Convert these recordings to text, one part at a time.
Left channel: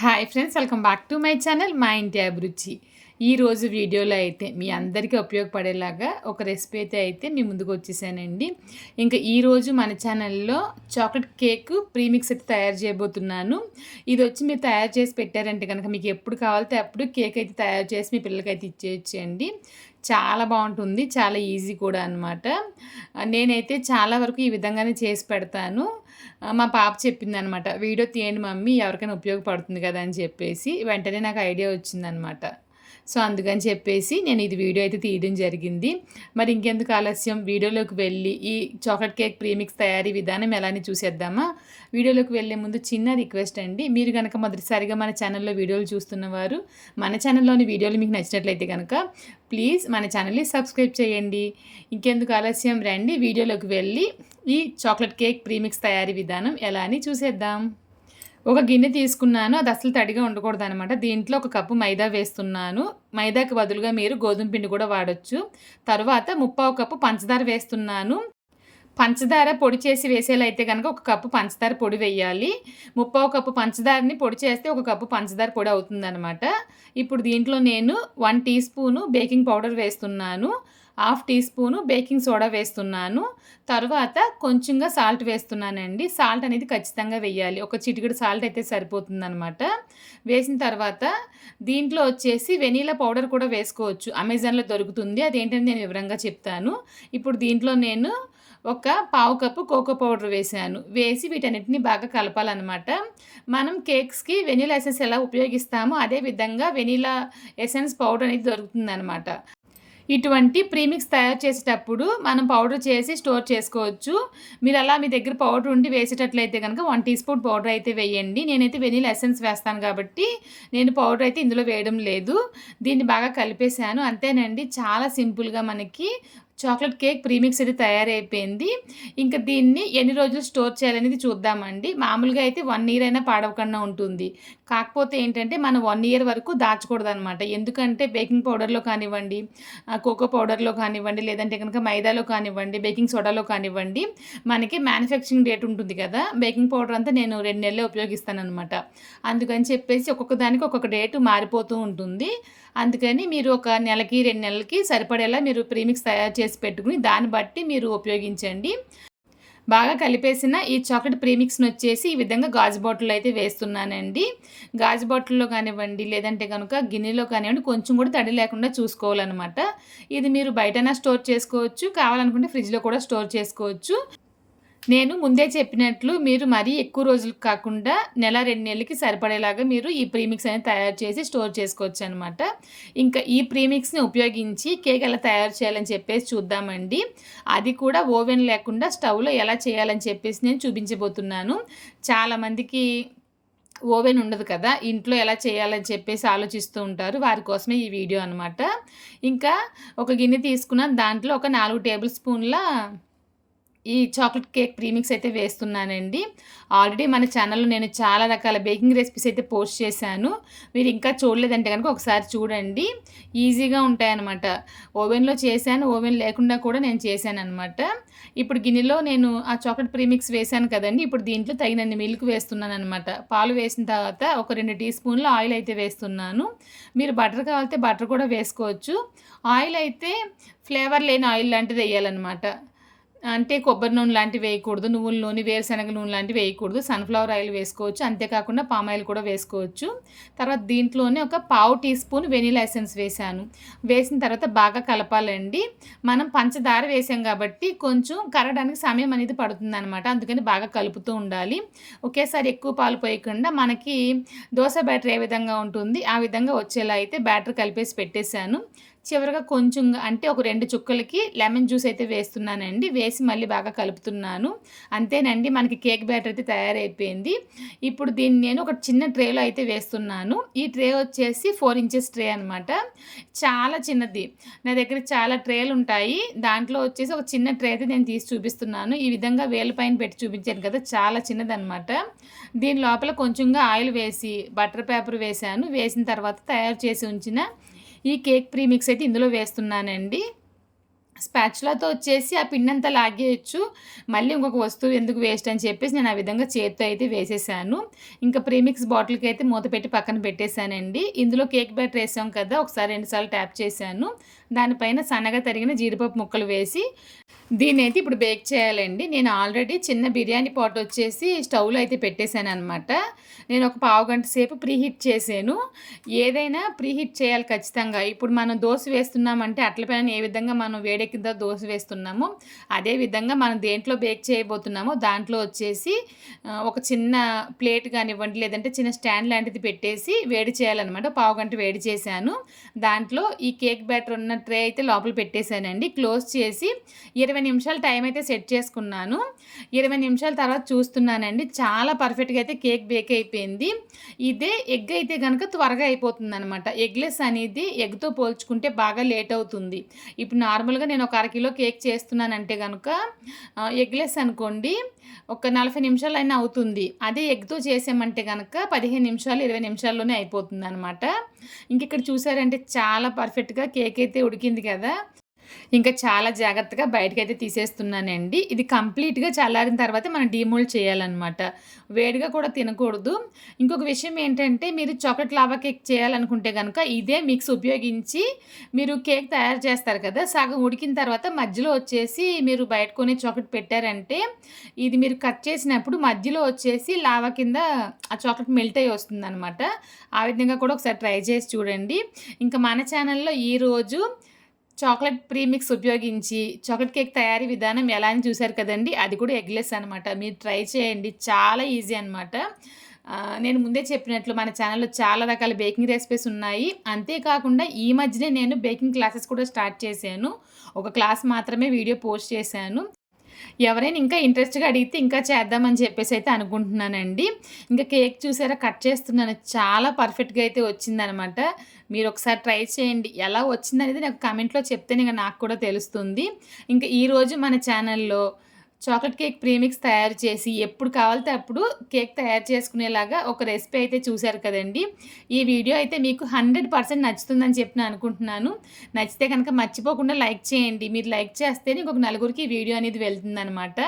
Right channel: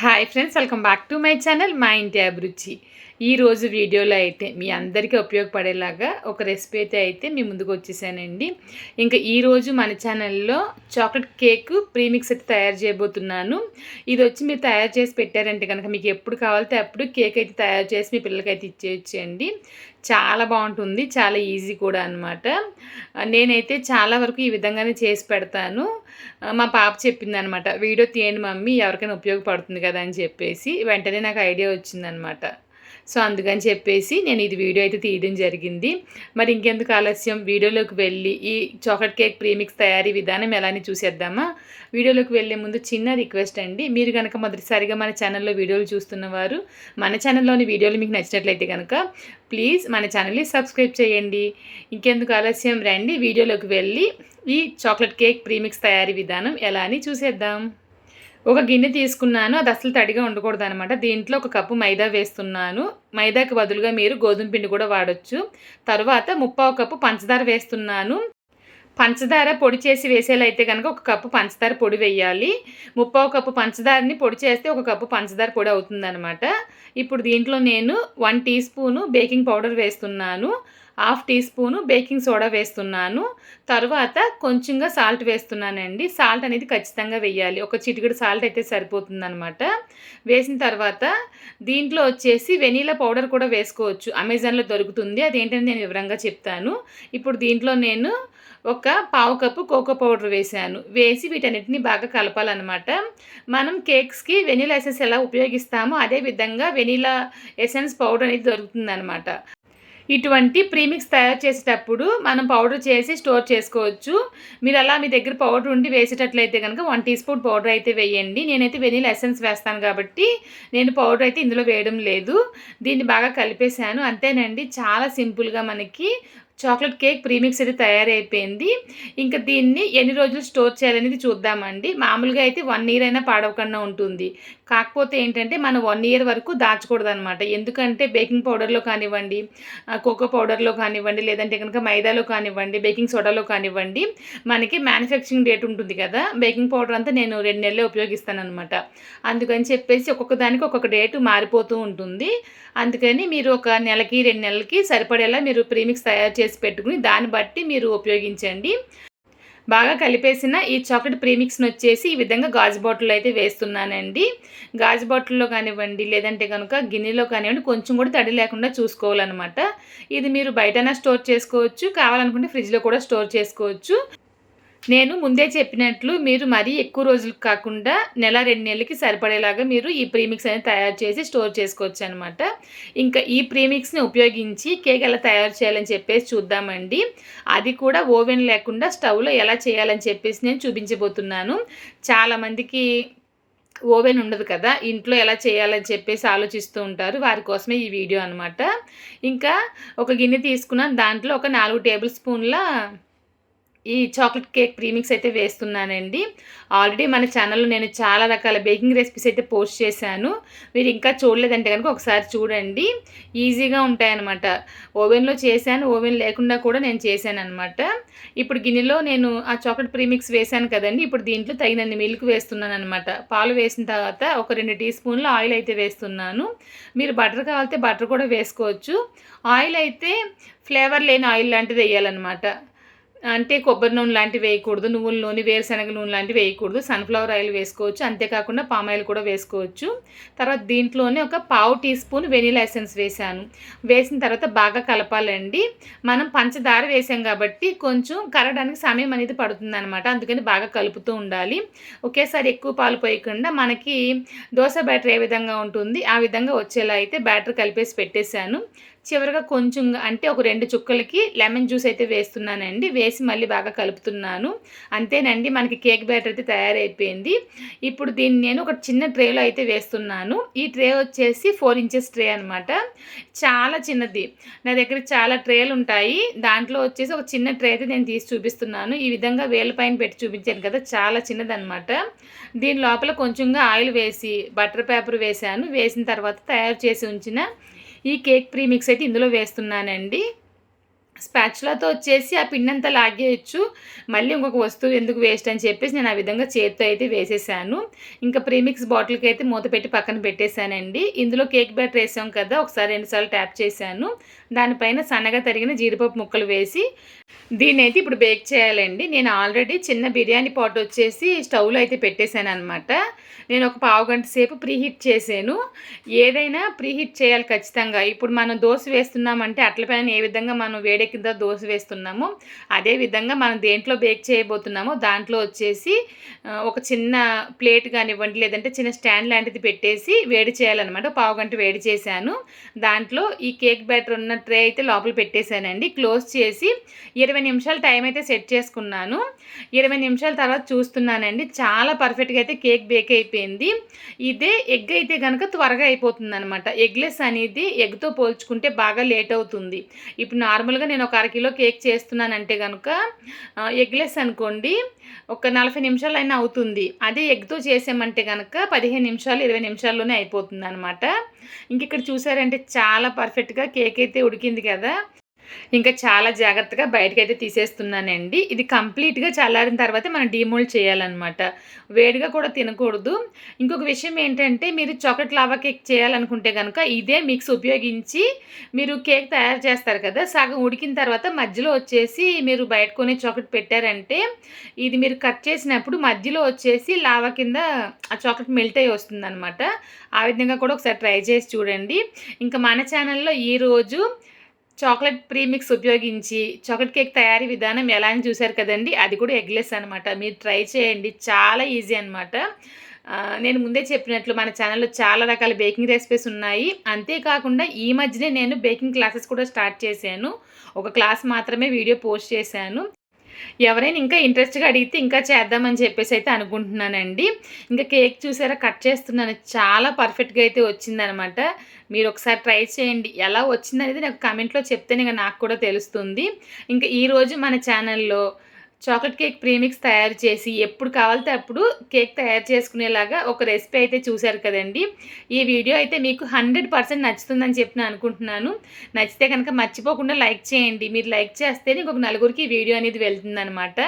Hi friends welcome back to my channel మా ఇంటి అభిరుచి ఈరోజు వీడియోలో అయితే మీ అందరికీ ఉపయోగపడేలాగా ఒక రెసిపీ అయితే అయితే మీ ముందుకు వచ్చేసానండి. ఇంకా ఈరోజు మన ఛానల్లో చాక్లెట్ కేక్ ప్రీమిక్స్ అయితే తయారు చేయబోతున్నాను. ఇది వచ్చి మీరు తయారు చేసి పెట్టారంటే కనుక మీకు ఎప్పుడు కావాలితే అప్పుడు కేక్ అయితే తయారు చేసి మీ పిల్లలకైతే ఇచ్చేయచ్చండి. చాలా బాగుంటుంది చాలా ఈజీ కూడా అనమాట నేనైతే చాలా వరకు ఈ విధంగానే చేసి పెడతాను. మా పాప చెప్పిందనమాట వీడియో తీయండి మమ్మీ ఎవరికైనా ఉపయోగపడుతుంది కదా అని చెప్పేసి వెంటనే నాకు ఐడియా వచ్చిందనమాట. సో అందుకని చెప్పేసి నేను ఇది వీడియో అయితే తీయడం జరిగింది. మరి ఇంకెందుకు ఆలస్యం? వీడియోలోకి వెళ్ళి ఈ చాక్లెట్ కేక్ ప్రీమిక్స్ తయారీ విధానం ఎలా అని చూసేద్దామా? వీడియోలోకి వెళ్ళే ముందు చిన్న రిక్వెస్ట్ అండి. మీరు కనుక మొదటిసారిగా మన ఛానల్లో వీడియోలు చూస్తున్నవారు మన ఛానల్లోని వీడియోలు మీకు నచ్చినట్లయితే కనుక ప్లీజ్ మన ఛానల్ని సబ్స్క్రైబ్ చేయండి. ఇంకెందుకు ఆలస్యం? రండి వీడియోలోకి వెళ్ళి ఈ చాక్లెట్ కేక్ ప్రీమిక్స్ తయారీ విధానం ఎలా అని చూసేద్దాం. ఒక గిన్నె తీసుకున్నాను అది అసలు తడిగా ఉండకూడదు అనమాట దీంట్లో ఒక కప్పు మైదా వేస్తున్నాను. మైదాకి బదులుగా మీరు గోధుమ పిండి కూడా వాడచ్చు. తర్వాత ముప్పావు కప్పు పంచదార వేస్తున్నాను. పంచదార పొడి చేసి వేసేలా కనుక ఒక కప్పు పంచదార పొడి వేయాలి. ముప్పావు కప్పు పంచదారని పొడి చేస్తే ఒక కప్పు పంచదార పొడి అవుతుందనమాట ఇప్పుడు దీంట్లో నేను one teaspoon baking powder వేస్తున్నాను. Half teaspoon baking soda వేస్తున్నాను. తర్వాత కొంచెంగా సాల్ట్ వేస్తున్నానండి. సాల్ట్ అనేది ఖచ్చితంగా వేయాలి. ఒక చిటికెడు సాల్ట్ అయితే సరిపోతుందనమాట వేసిన తర్వాత దీంట్లో వచ్చేసి వెనీలా పౌడర్ కూడా వేసుకోవచ్చు. అమెజాన్లో దొరుకుతుంది. అదేంటని నేను వివరంగా చెప్తాను. ఇప్పుడు దీంట్లో నేను ఒక పావు కప్పు కోకో పౌడర్ వేసాను వేసి వీటన్నిటిని బాగా కలపాలన్నమాట. మనం కేక్స్కి వెనీలా ఎసెన్స్ ఎలా ఉపయోగిస్తామో అదే విధంగా వెనీలా ఎసెన్స్ పౌడర్ అనేది దొరుకుతుందనమాట ఇటువంటి ప్రీమిక్స్ తయారు చేసేటప్పుడు మనం పౌడర్ చేసి స్టోర్ చేసుకోవచ్చు. మీరు అలా మీ దగ్గర పౌడర్ ఉండి వేసేటట్లయితే కనుక వన్ టీ స్పూన్ పౌడర్ అయితే వేయండి. నేనైతే వెనీల్ ఎసెన్స్ వేస్తాను కాబట్టి నేను పౌడర్ అయితే ఇందులో వేయడం లేదు. దీన్ని బాగా కలిపేశాను. అంతేనండి చాలా సింపుల్గా మనకి చాక్లెట్ కేక్ ప్రీమిక్స్ అయితే తయారైపోయింది. ఇంకా దీన్ని ఎన్ని రోజులు స్టోర్ చేయాలనేది చూద్దామండి. మామూలుగా అయితే వన్ ఇయర్ అయినా పాడవకుండా ఉంటుంది. కాకపోతే ఏంటంటే మనం వన్ ఇయర్ వరకు దాచకూడదు అనమాట ఎందుకంటే బేకింగ్ పౌడర్లో కానివ్వండి కోకో పౌడర్లో కానివ్వండి లేదంటే కనుక మైదాలో కానివ్వండి బేకింగ్ సోడాలో కానివ్వండి మనకి మ్యానుఫ్యాక్చరింగ్ డేట్ ఉంటుంది కదా బేకింగ్ పౌడర్ అంతా నేను రెండు నెలలే ఉపయోగిస్తాను అనమాట అందుకని చెప్పేసి ఒక్కొక్క దానికి ఒక్కొక్క డేటు మారిపోతూ ఉంటుంది. అందుకని మీరు ఒక నెలకి రెండు నెలలకి సరిపడేలా మీరు ప్రీమిక్స్ తయారు చేసి పెట్టుకుని దాన్ని బట్టి మీరు ఉపయోగించండి. బాగా కలిపేసిన ఈ చాక్లెట్ ప్రీమిక్స్ని వచ్చేసి ఈ విధంగా గాజు బాటిల్ అయితే వేస్తున్నానండి. గాజు బాటిల్లో కానివ్వండి లేదంటే కనుక గిన్నెలో కానివ్వండి కొంచెం కూడా తడి లేకుండా చూసుకోవాలన్నమాట. ఇది మీరు బయటనా స్టోర్ చేసుకోవచ్చు. కావాలనుకుంటే ఫ్రిడ్జ్లో కూడా స్టోర్ చేసుకోవచ్చు. నేను ముందే చెప్పినట్లు మీరు మరీ ఎక్కువ రోజులకు కాకుండా నెల రెండు నెలలకి సరిపడేలాగా మీరు ఈ ప్రీమిక్స్ అనేది తయారు చేసి స్టోర్ చేసుకోవచ్చు అనమాట ఇంకా ఈ ప్రీమిక్స్ని ఉపయోగించి కేక్ ఎలా తయారు చేయాలని చెప్పేసి చూద్దామండి. అది కూడా ఓవెన్ లేకుండా స్టవ్లో ఎలా చేయాలని చెప్పేసి నేను చూపించబోతున్నాను. చాలామందికి ఓవెన్ ఉండదు కదా ఇంట్లో ఎలా చేయాలని చెప్పేసి ఆలోచిస్తూ ఉంటారు. వారి కోసమే ఈ వీడియో అనమాట ఇంకా ఒక గిన్నె తీసుకున్నాను. దాంట్లో ఒక నాలుగు టేబుల్ స్పూన్ల ఈ చాక్లెట్ కేక్ ప్రీమిక్స్ అయితే వేస్తున్నానండి. ఆల్రెడీ మన ఛానల్లో నేను చాలా రకాల బేకింగ్ రెసిపీస్ అయితే పోస్ట్ చేశాను. మీరు ఇంకా చూడలేదంటే కనుక ఒకసారి చూడండి. ఈజీగా ఉంటాయన్నమాట. ఓవెన్లో చేశాను ఓవెన్ లేకుండా కూడా నేను చేశాను అనమాట ఇప్పుడు గిన్నెలో నేను ఆ చాక్లెట్ ప్రీమిక్స్ వేశాను కదండి. ఇప్పుడు దీంట్లో తగినన్ని మిల్క్ వేస్తున్నాను అనమాట పాలు వేసిన తర్వాత ఒక రెండు టీ స్పూన్లు ఆయిల్ అయితే వేస్తున్నాను. మీరు బటర్ కావాలితే బటర్ కూడా వేసుకోవచ్చు. ఆయిల్ అయితే ఫ్లేవర్ లేని ఆయిల్ లాంటిది వేయాలన్నమాట. అంటే కొబ్బరి నూనె లాంటివి వేయకూడదు నువ్వుల నూనె వేరుశనగ నూనె లాంటివి వేయకూడదు సన్ఫ్లవర్ ఆయిల్ వేసుకోవచ్చు అంతేకాకుండా పామ్ ఆయిల్ కూడా వేసుకోవచ్చు. తర్వాత దీంట్లోనే ఒక పావు టీ స్పూన్ వెనీలా ఎసెన్స్ వేసాను వేసిన తర్వాత బాగా కలపాలండి. మనం పంచదార వేసాం కాబట్టి కొంచెం కరగడానికి సమయం అనేది పడుతుంది అనమాట అందుకని బాగా కలుపుతూ ఉండాలి. ఒకేసారి ఎక్కువ పాలు పోయకుండా మనకి దోశ బ్యాటర్ ఏ విధంగా ఉంటుంది ఆ విధంగా వచ్చేలా అయితే బ్యాటర్ కలిపేసి పెట్టేశాను. చివరిగా కొంచెం అంటే ఒక రెండు చుక్కలకి లెమన్ జ్యూస్ అయితే వేస్తున్నానండి. వేసి మళ్ళీ బాగా కలుపుతున్నాను. అంతేనండి మనకి కేక్ బ్యాటర్ అయితే తయారైపోయింది. ఇప్పుడు దీన్ని నేను ఒక చిన్న ట్రేలో అయితే వేస్తున్నాను. ఈ ట్రే వచ్చేసి ఫోర్ ఇంచెస్ ట్రే అనమాట చాలా చిన్నది. నా దగ్గర చాలా ట్రేలు ఉంటాయి. దాంట్లో వచ్చేసి ఒక చిన్న ట్రే అయితే నేను తీసి చూపిస్తున్నాను. ఈ విధంగా వేల పైన పెట్టి చూపించాను కదా చాలా చిన్నదనమాట దీని లోపల కొంచెంగా ఆయిల్ వేసి బటర్ పేపర్ వేసాను వేసిన తర్వాత తయారు చేసి ఉంచిన ఈ కేక్ ప్రీమిక్స్ అయితే ఇందులో వేస్తున్నానండి. స్పాచులాతో వచ్చేసి ఆ పిండంతా లాగేయచ్చు. మళ్ళీ ఇంకొక వస్తువు ఎందుకు వేస్ట్ అని చెప్పేసి నేను ఆ విధంగా చేత్తో అయితే వేసేసాను. ఇంకా ప్రీమిక్స్ బాటిల్కి అయితే మూత పెట్టి పక్కన పెట్టేశానండి. ఇందులో కేక్ బ్యాటర్ వేసాం కదా ఒకసారి రెండుసార్లు ట్యాప్ చేశాను. దానిపైన సన్నగా తరిగిన జీడిపప్పు ముక్కలు వేసి దీన్ని అయితే ఇప్పుడు బేక్ చేయాలండి. నేను ఆల్రెడీ చిన్న బిర్యానీ పాట్ వచ్చేసి స్టవ్లో అయితే పెట్టేశాను అనమాట నేను ఒక పావు గంట సేపు ప్రీహీట్ చేశాను. ఏదైనా ప్రీహీట్ చేయాలి ఖచ్చితంగా. ఇప్పుడు మనం దోశ వేస్తున్నామంటే అట్ల పైన ఏ విధంగా మనం వేడెక్కిందో దోశ వేస్తున్నామో అదే విధంగా మనం దేంట్లో బేక్ చేయబోతున్నామో దాంట్లో వచ్చేసి ఒక చిన్న ప్లేట్ కానివ్వండి లేదంటే చిన్న స్టాండ్ లాంటిది పెట్టేసి వేడి చేయాలన్నమాట. పావు గంట వేడి చేశాను. దాంట్లో ఈ కేక్ బ్యాటర్ ఉన్న ట్రే అయితే లోపల పెట్టేశానండి. క్లోజ్ చేసి ఇరవై నిమిషాలు టైం అయితే సెట్ చేసుకున్నాను. ఇరవై నిమిషాల తర్వాత చూస్తున్నానండి. చాలా పర్ఫెక్ట్గా అయితే కేక్ బేక్ అయిపోయింది. ఇదే ఎగ్ అయితే కనుక త్వరగా అయిపోతుంది అనమాట ఎగ్లెస్ అనేది ఎగ్తో పోల్చుకుంటే బాగా లేట్ అవుతుంది. ఇప్పుడు నార్మల్గా నేను ఒక అరకిలో కేక్ చేస్తున్నానంటే కనుక ఎగ్లెస్ అనుకోండి ఒక నలభై నిమిషాలు అయినా అవుతుంది. అదే ఎగ్తో చేసామంటే కనుక పదిహేను నిమిషాలు ఇరవై నిమిషాల్లోనే అయిపోతుంది అనమాట ఇంక ఇక్కడ చూసారంటే చాలా పర్ఫెక్ట్గా కేక్ అయితే ఉడికింది కదా ఇంకా చాలా జాగ్రత్తగా బయటకైతే తీసేస్తున్నానండి. ఇది కంప్లీట్గా చల్లారిన తర్వాత మనం డీమోల్డ్ చేయాలన్నమాట. వేడిగా కూడా తినకూడదు. ఇంకొక విషయం ఏంటంటే మీరు చాక్లెట్ లావా కేక్ చేయాలనుకుంటే కనుక ఇదే మిక్స్ ఉపయోగించి మీరు కేక్ తయారు చేస్తారు కదా సగం ఉడికిన తర్వాత మధ్యలో వచ్చేసి మీరు బయట కొనే చాక్లెట్ పెట్టారంటే ఇది మీరు కట్ చేసినప్పుడు మధ్యలో వచ్చేసి లావా కింద ఆ చాక్లెట్ మెల్ట్ అయ్యి వస్తుంది ఆ విధంగా కూడా ఒకసారి ట్రై చేసి చూడండి. ఇంకా మన ఛానల్లో ఈరోజు చాక్లెట్ ప్రీమిక్స్ ఉపయోగించి చాక్లెట్ కేక్ తయారీ విధానం ఎలా అని చూశారు కదండి అది కూడా ఎగ్లెస్ అనమాట మీరు ట్రై చేయండి చాలా ఈజీ అనమాట నేను ముందే చెప్పినట్లు మన ఛానల్లో చాలా రకాల బేకింగ్ రెసిపీస్ ఉన్నాయి. అంతేకాకుండా ఈ మధ్యనే నేను బేకింగ్ క్లాసెస్ కూడా స్టార్ట్ చేశాను. ఒక క్లాస్ మాత్రమే వీడియో పోస్ట్ చేశాను. ఎవరైనా ఇంకా ఇంట్రెస్ట్గా అడిగితే ఇంకా చేద్దామని చెప్పేసి అయితే అనుకుంటున్నానండి. ఇంకా కేక్ చూసారా కట్ చేస్తున్నాను. చాలా పర్ఫెక్ట్గా అయితే వచ్చిందనమాట మీరు ఒకసారి ట్రై చేయండి. ఎలా వచ్చిందనేది నాకు కమెంట్లో చెప్తేనే నాకు కూడా తెలుస్తుంది. ఇంకా ఈరోజు మన ఛానల్లో చాక్లెట్ కేక్ ప్రీమిక్స్ తయారు చేసి ఎప్పుడు కావాలితే అప్పుడు కేక్ తయారు చేసుకునేలాగా ఒక రెసిపీ అయితే చూశారు కదండి. ఈ వీడియో అయితే మీకు హండ్రెడ్ పర్సెంట్ నచ్చుతుందని చెప్పి నేను అనుకుంటున్నాను. నచ్చితే కనుక మర్చిపోకుండా లైక్ చేయండి. మీరు లైక్ చేస్తే ఇంకొక నలుగురికి వీడియో అనేది వెళ్తుందనమాట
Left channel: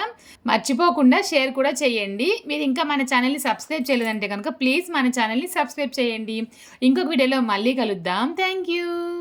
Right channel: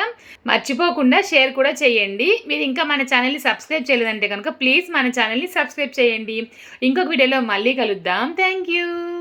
మర్చిపోకుండా షేర్ కూడా చేయండి. మీరు ఇంకా మన ఛానల్ని సబ్స్క్రైబ్ చేయలేదంటే కనుక ప్లీజ్ మన ఛానల్ని సబ్స్క్రైబ్ చేయండి. ఇంకొక వీడియోలో మళ్ళీ కలుద్దాం. Thank you.